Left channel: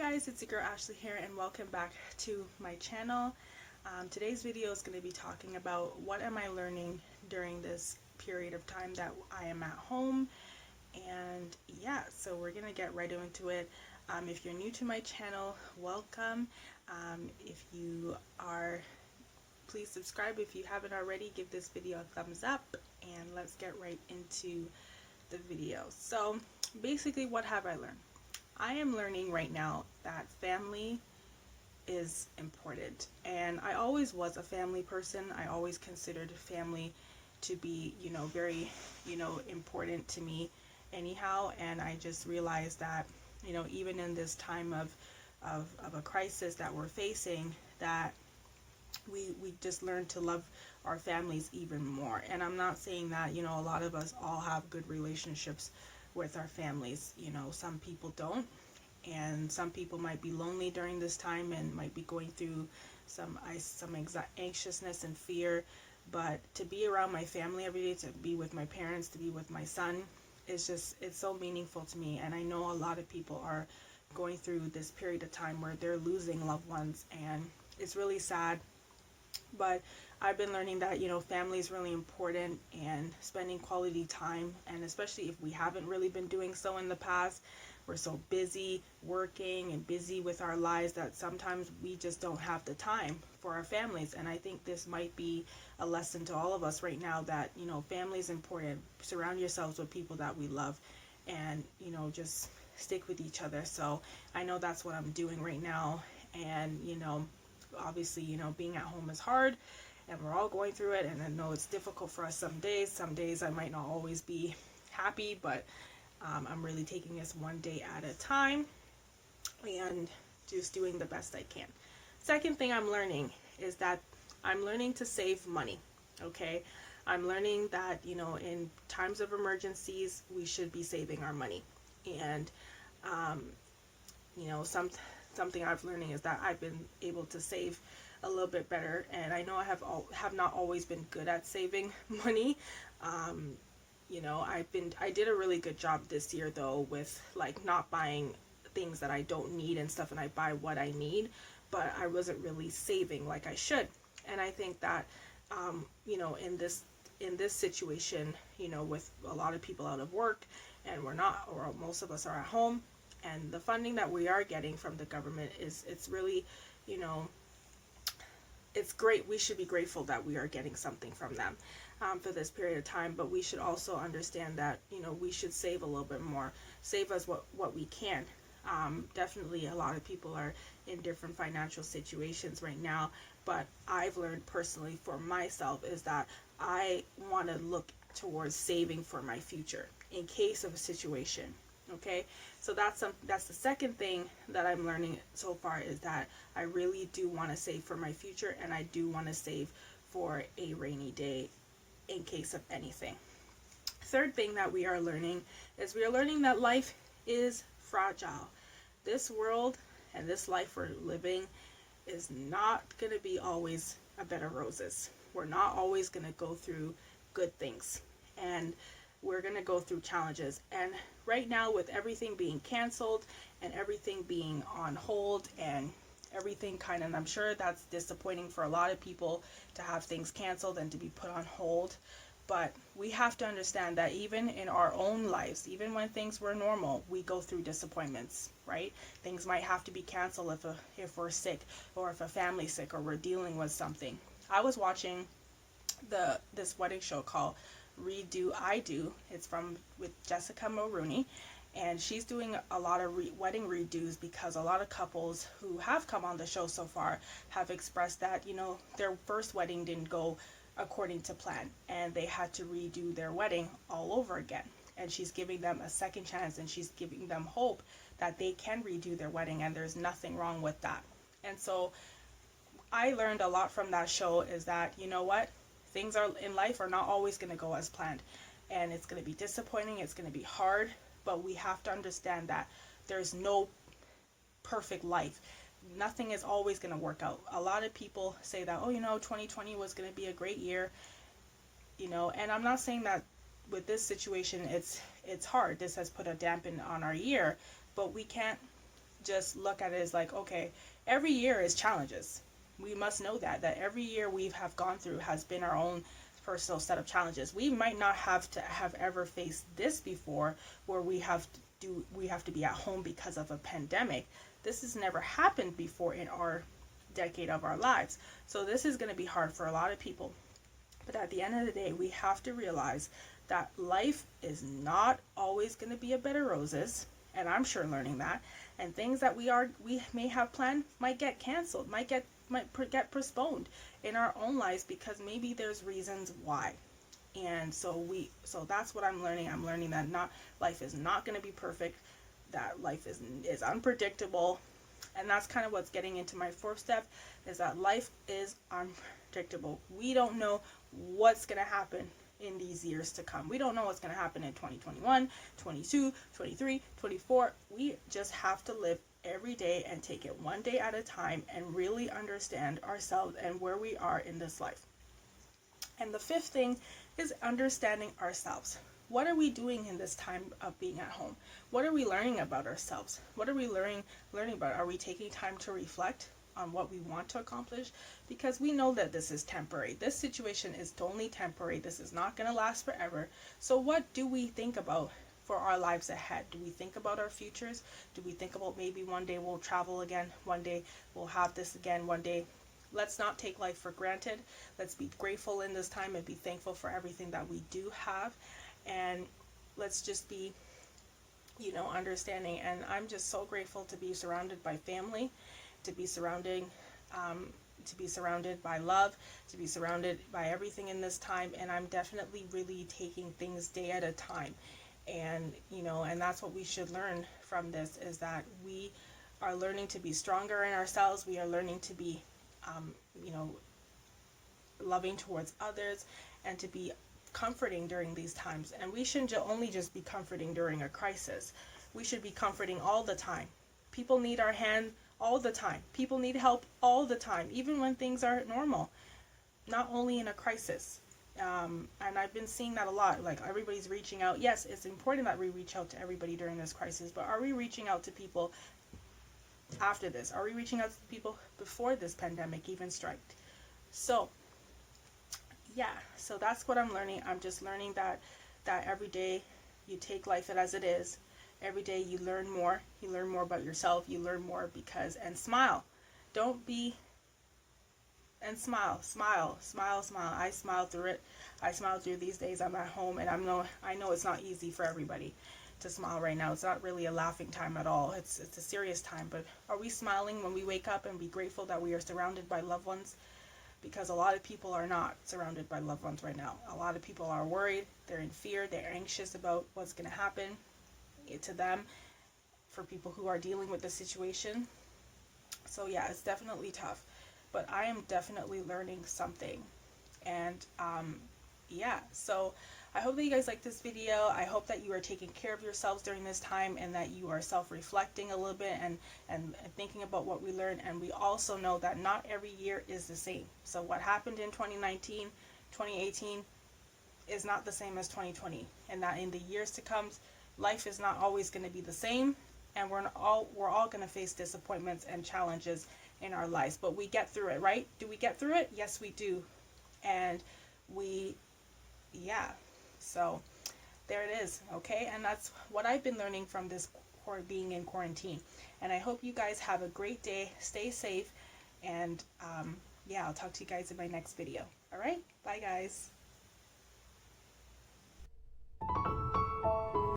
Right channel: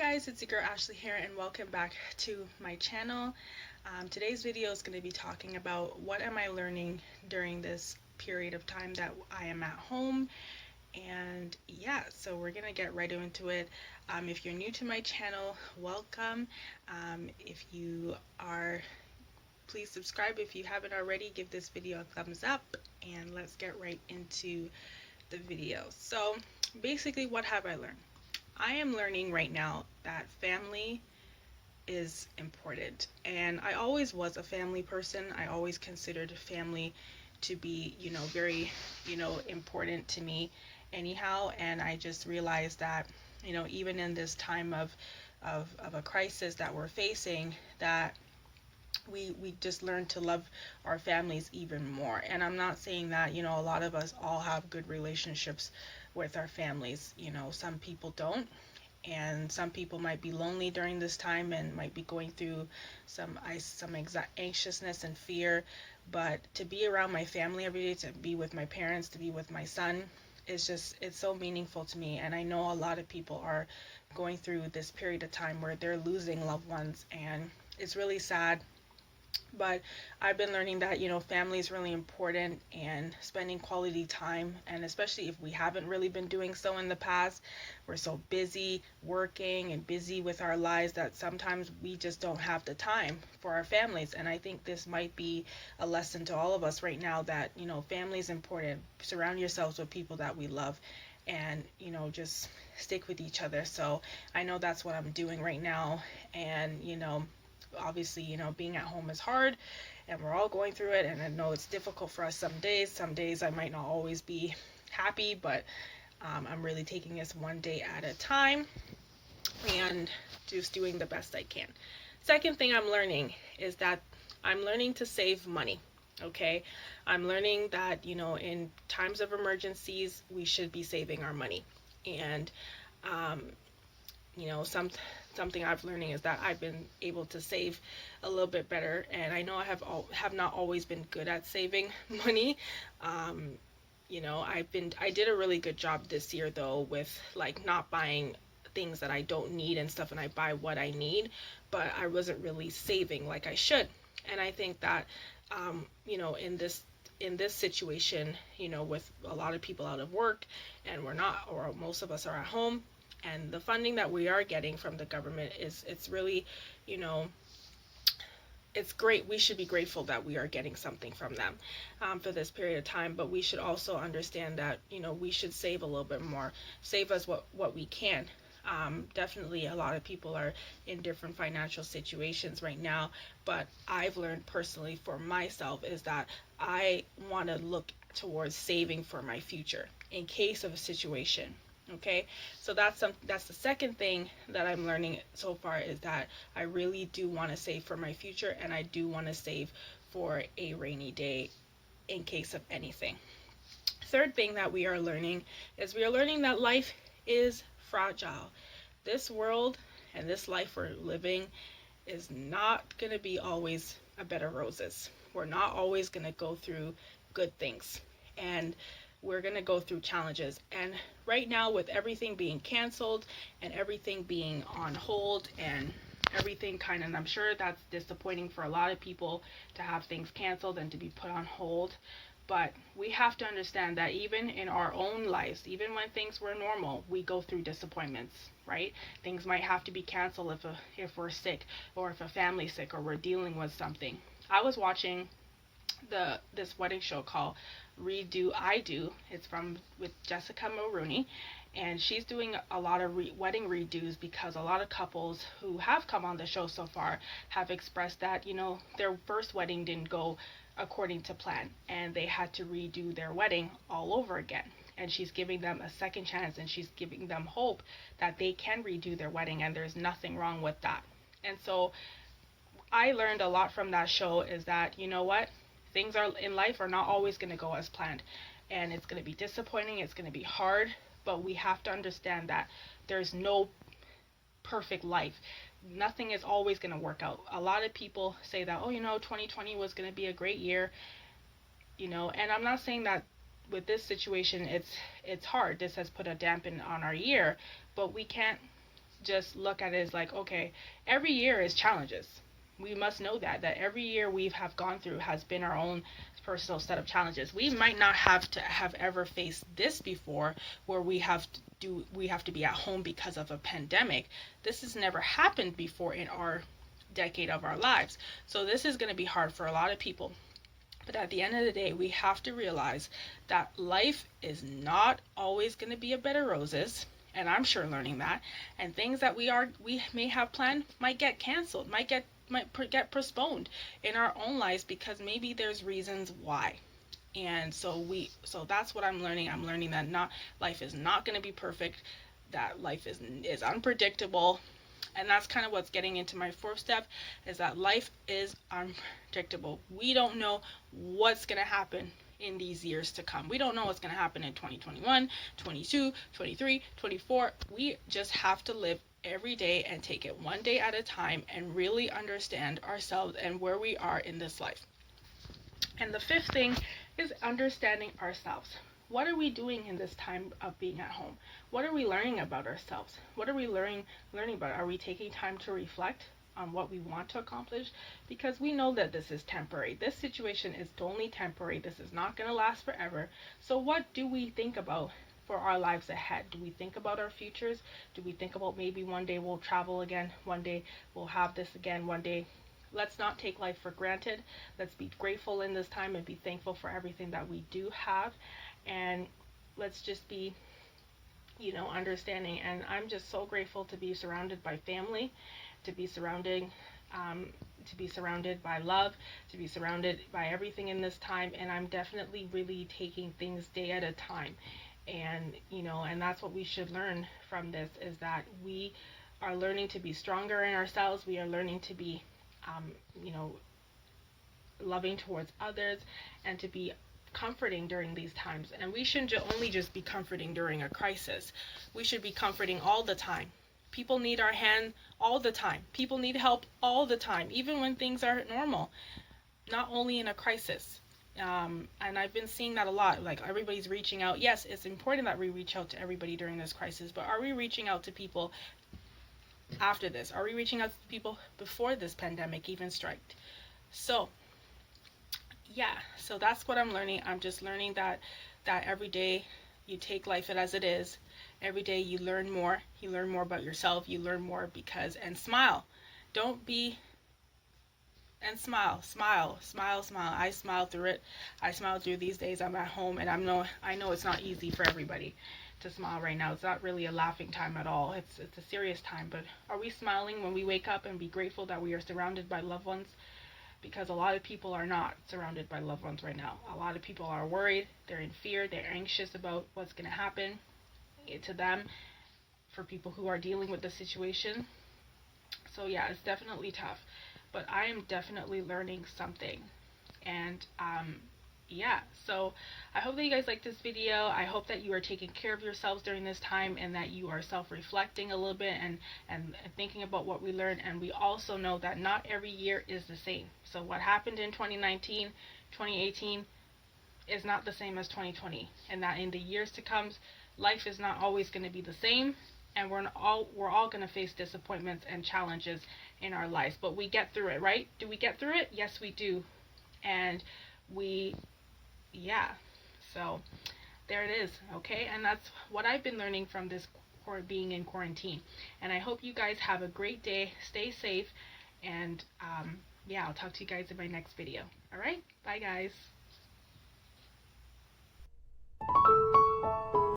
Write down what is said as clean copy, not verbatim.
Guys, it's your girl Ashley here and welcome back to my channel. Today's video is going to be talking about what am I learning during this period of time that I am at home. And yeah, so we're going to get right into it. If you're new to my channel, welcome. If you are, please subscribe. If you haven't already, give this video a thumbs up and let's get right into the video. So basically, what have I learned? I am learning right now that family is important, and I always was a family person. I always considered family to be, very, important to me anyhow, and I just realized that, even in this time of a crisis that we're facing, that we just learn to love our families even more. And I'm not saying that, a lot of us all have good relationships with our families. Some people don't, and some people might be lonely during this time and might be going through some anxiousness and fear. But to be around my family every day, to be with my parents, to be with my son, it's so meaningful to me. And I know a lot of people are going through this period of time where they're losing loved ones, and it's really sad. But I've been learning that, family is really important, and spending quality time, and especially if we haven't really been doing so in the past, we're so busy working and busy with our lives that sometimes we just don't have the time for our families. And I think this might be a lesson to all of us right now that, family is important. Surround yourselves with people that we love, and, just stick with each other. So I know that's what I'm doing right now. And, obviously, being at home is hard and we're all going through it. And I know it's difficult for us some days. Some days I might not always be happy, but I'm really taking this one day at a time and just doing the best I can. Second thing I'm learning is that I'm learning to save money. Okay. I'm learning that, in times of emergencies, we should be saving our money. And, something I've learning is that I've been able to save a little bit better, and I know I have not always been good at saving money. I did a really good job this year though with like not buying things that I don't need and stuff, and I buy what I need, but I wasn't really saving like I should. And I think that in this situation, with a lot of people out of work and we're not, or most of us are at home, and the funding that we are getting from the government it's really, you know, it's great. We should be grateful that we are getting something from them for this period of time, but we should also understand that, we should save a little bit more, save us what we can. Definitely a lot of people are in different financial situations right now, but I've learned personally for myself is that I want to look towards saving for my future in case of a situation. Okay, so that's the second thing that I'm learning so far, is that I really do want to save for my future, and I do want to save for a rainy day in case of anything. Third thing that we are learning is we are learning that life is fragile. This world and this life we're living is not going to be always a bed of roses. We're not always going to go through good things, and we're going to go through challenges. And right now, with everything being canceled and everything being on hold and everything kind of, I'm sure that's disappointing for a lot of people to have things canceled and to be put on hold. But we have to understand that even in our own lives, even when things were normal, we go through disappointments, right? Things might have to be canceled if we're sick, or if a family's sick, or we're dealing with something. I was watching this wedding show called Redo I Do. It's with Jessica Mulroney, and she's doing a lot of wedding redos because a lot of couples who have come on the show so far have expressed that, their first wedding didn't go according to plan, and they had to redo their wedding all over again. And she's giving them a second chance, and she's giving them hope that they can redo their wedding, and there's nothing wrong with that. And so I learned a lot from that show, is that, what, things are in life are not always going to go as planned, and it's going to be disappointing, it's going to be hard, but we have to understand that there's no perfect life. Nothing is always going to work out. A lot of people say that, 2020 was going to be a great year, and I'm not saying that with this situation it's hard. This has put a dampen on our year, but we can't just look at it as like, okay, every year is challenges. We must know that every year we have gone through has been our own personal set of challenges. We might not have to have ever faced this before, where we have to be at home because of a pandemic. This has never happened before in our decade of our lives. So this is going to be hard for a lot of people. But at the end of the day, we have to realize that life is not always going to be a bed of roses. And I'm sure learning that. And things that we may have planned might get canceled, might get postponed in our own lives because maybe there's reasons why. And so that's what I'm learning. I'm learning that not life is not going to be perfect, that life is unpredictable. And that's kind of what's getting into my fourth step, is that life is unpredictable. We don't know what's going to happen in these years to come. We don't know what's going to happen in 2021, 22, 23, 24. We just have to live every day and take it one day at a time and really understand ourselves and where we are in this life. And the fifth thing is understanding ourselves. What are we doing in this time of being at home? What are we learning about ourselves? What are we learning about? Are we taking time to reflect on what we want to accomplish? Because we know that this is temporary. This situation is only temporary. This is not going to last forever. So what do we think about for our lives ahead? Do we think about our futures? Do we think about maybe one day we'll travel again? One day we'll have this again? One day let's not take life for granted. Let's be grateful in this time and be thankful for everything that we do have. And let's just be, understanding. And I'm just so grateful to be surrounded by family, to be surrounded by love, to be surrounded by everything in this time. And I'm definitely really taking things day at a time. And, and that's what we should learn from this, is that we are learning to be stronger in ourselves. We are learning to be, you know, loving towards others, and to be comforting during these times. And we shouldn't only just be comforting during a crisis. We should be comforting all the time. People need our hand all the time. People need help all the time, even when things are normal, not only in a crisis. And I've been seeing that a lot. Like, everybody's reaching out. Yes, it's important that we reach out to everybody during this crisis, but are we reaching out to people after this? Are we reaching out to people before this pandemic even struck? So yeah, so that's what I'm learning. I'm just learning that every day you take life as it is. Every day you learn more. You learn more about yourself. You learn more and smile. Don't be, and smile, smile, smile, smile. I smile through it. I smile through these days. I'm at home, and I know it's not easy for everybody to smile right now. It's not really a laughing time at all. It's a serious time. But are we smiling when we wake up and be grateful that we are surrounded by loved ones? Because a lot of people are not surrounded by loved ones right now. A lot of people are worried, they're in fear, they're anxious about what's going to happen to them, for people who are dealing with the situation. So yeah, it's definitely tough, but I am definitely learning something. And yeah, so I hope that you guys like this video. I hope that you are taking care of yourselves during this time, and that you are self-reflecting a little bit, and thinking about what we learned. And we also know that not every year is the same. So what happened in 2019, 2018 is not the same as 2020, and that in the years to come, life is not always going to be the same, and we're all going to face disappointments and challenges in our lives. But we get through it, right? Do we get through it? Yes, we do. And yeah, so there it is. Okay, and that's what I've been learning from this being in quarantine. And I hope you guys have a great day. Stay safe, and yeah, I'll talk to you guys in my next video. All right, bye guys.